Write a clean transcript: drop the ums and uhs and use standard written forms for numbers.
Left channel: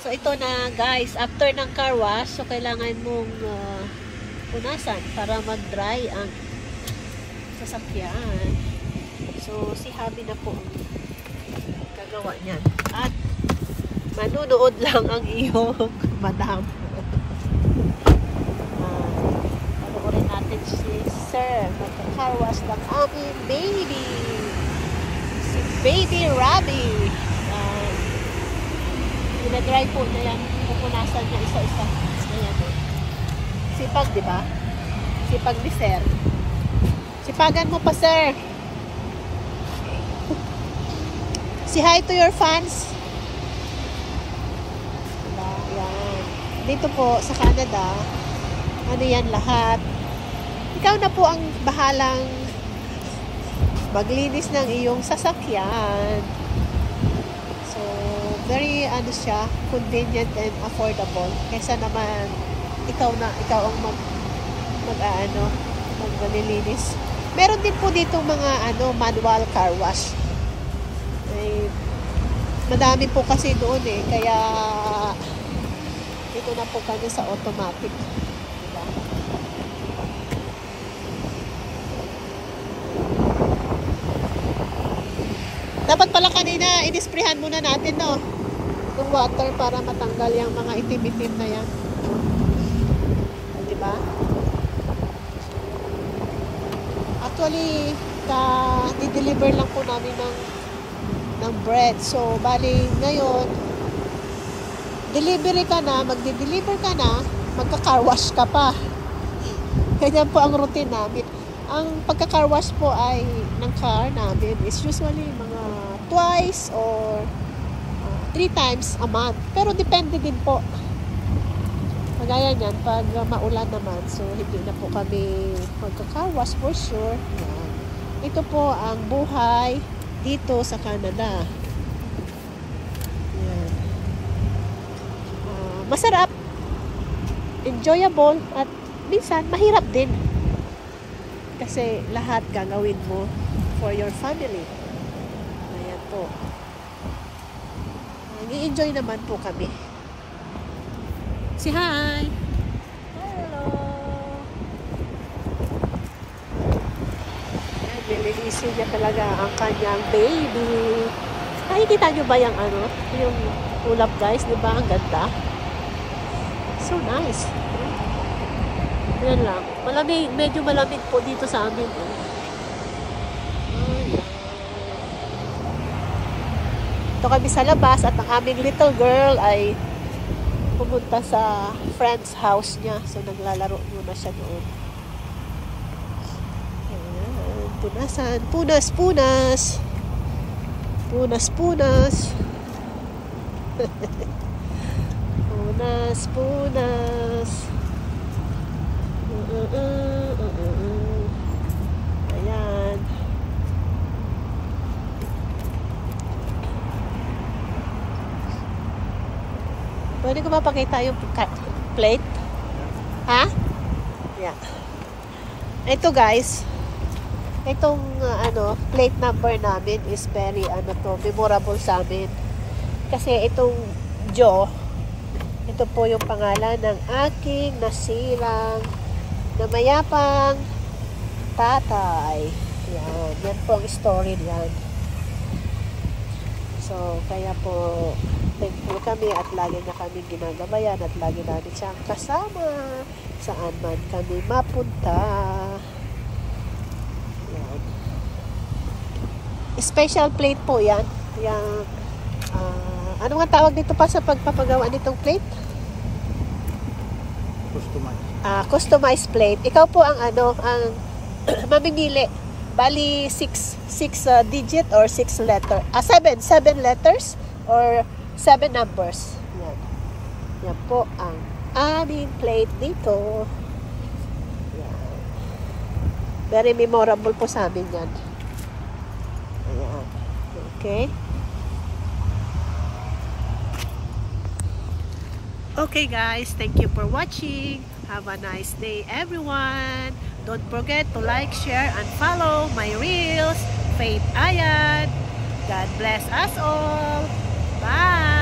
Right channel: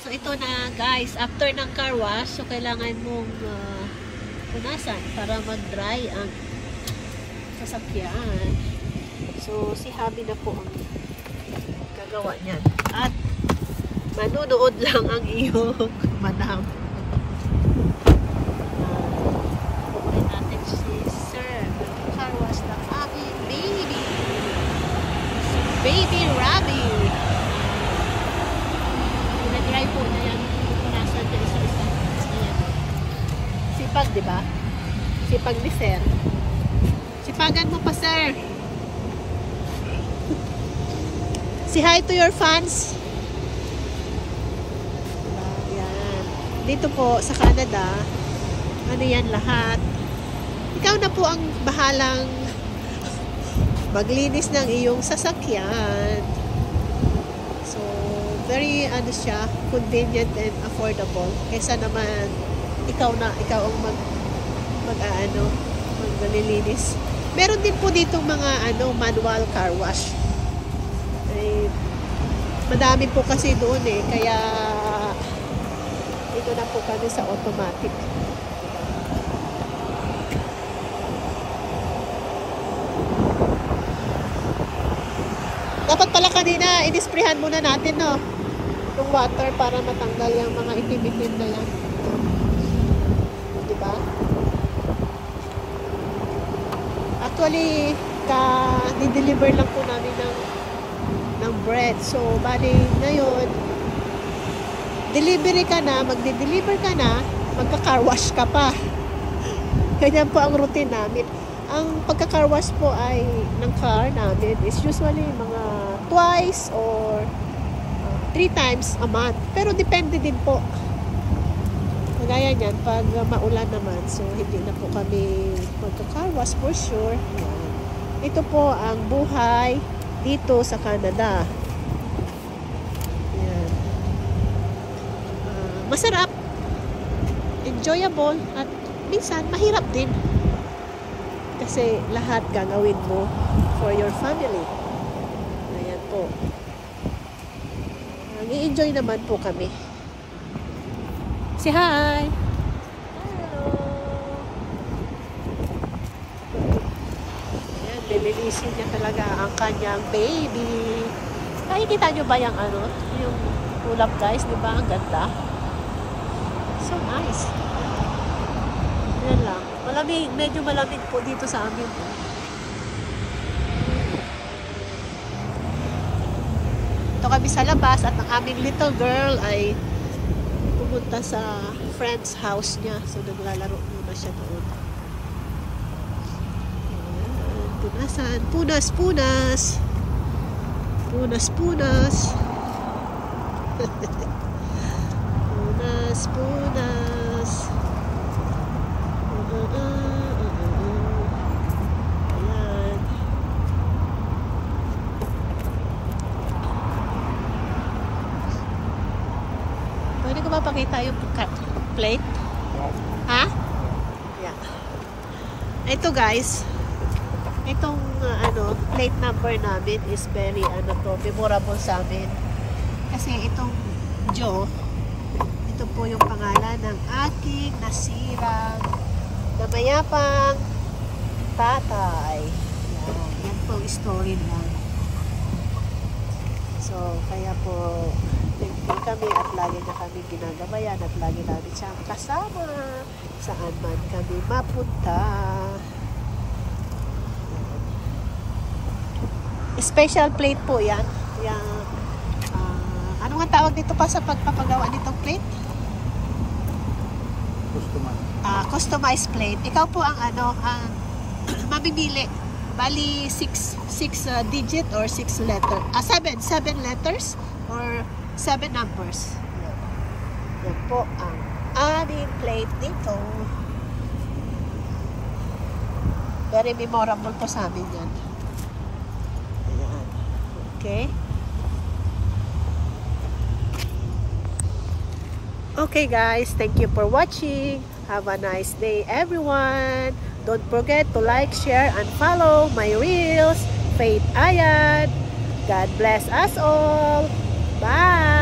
So ito na guys, after ng car wash, so kailangan mong punasan para mag-dry ang sasakyan. So si Habi na po ang gagawa niyan. At manunood lang ang iyong madam. Ulit natin si Sir, mag-car wash ng aming baby. Si Baby Robbie. Pinag-dry po na yan. Pupunasan niya isa-isa. Ayan. Sipag, di ba? Sipag ni Sir. Sipagan mo pa, Sir. Say hi to your fans. Diba? Yan. Dito po sa Canada, ano yan lahat. Ikaw na po ang bahalang maglinis ng iyong sasakyan. So, very ano siya, convenient and affordable. Kaysa naman ikaw ang maglilinis. Meron din po dito mga manual car wash. Eh, madami po kasi doon kaya dito na po kami sa automatic. Diba? Dapat pala kanina i-disprehan muna natin itong water para matanggal yung mga itim-itim na yan. Diba? Actually, di-deliver lang po namin ng bread. So, bali ngayon, delivery ka na, magde-deliver ka na, magka-car wash ka pa. Ganyan po ang routine namin. Ang pagka-car wash po ay ng car namin is usually mga twice or 3 times a month. Pero depende din po. Kagaya niyan, pag maulan naman, so hindi na po kami magka-car wash for sure. Yan. Ito po ang buhay dito sa Canada. Yan. Masarap, enjoyable, at minsan mahirap din. Kasi lahat gagawin mo for your family. Ayan po. Nag-i-enjoy naman po kami. Say hi! Hello! Ayan, nililisin niya talaga ang kanyang baby. Nakikita niyo ba yung yung ulap guys? Diba? Ang ganda. So nice. Ayan lang. Malamig, medyo malamig po dito sa amin. Ito kami sa labas at ang aming little girl ay pumunta sa friend's house niya. So, naglalaro muna siya doon. Ayan, punasan. Punas, punas. Punas, punas. Punas, punas. Ayan. Pwede ko mapakita yung plate? Ha? Yeah. Ito guys, itong plate number namin is very memorable sa amin. Kasi itong Joe, ito po yung pangalan ng aking nasirang na mayapang tatay. Yan. Yan po ang story niyan. So, kaya po thankful kami at lagi na kami ginagabayan at lagi namin siyang kasama saan man kami mapunta. Special plate po yan. Yung, ano nga tawag dito pa sa pagpapagawa nitong plate? Customized plate. Ikaw po ang mamimili. Bali 6 digit or 6 letter. 7 letters or 7 numbers. Yan. Yan po ang aming plate dito. Very memorable po sa amin yan. Ayan. Okay. Okay guys, thank you for watching. Have a nice day everyone. Don't forget to like, share, and follow my reels. Faith Ayan. God bless us all. Bye!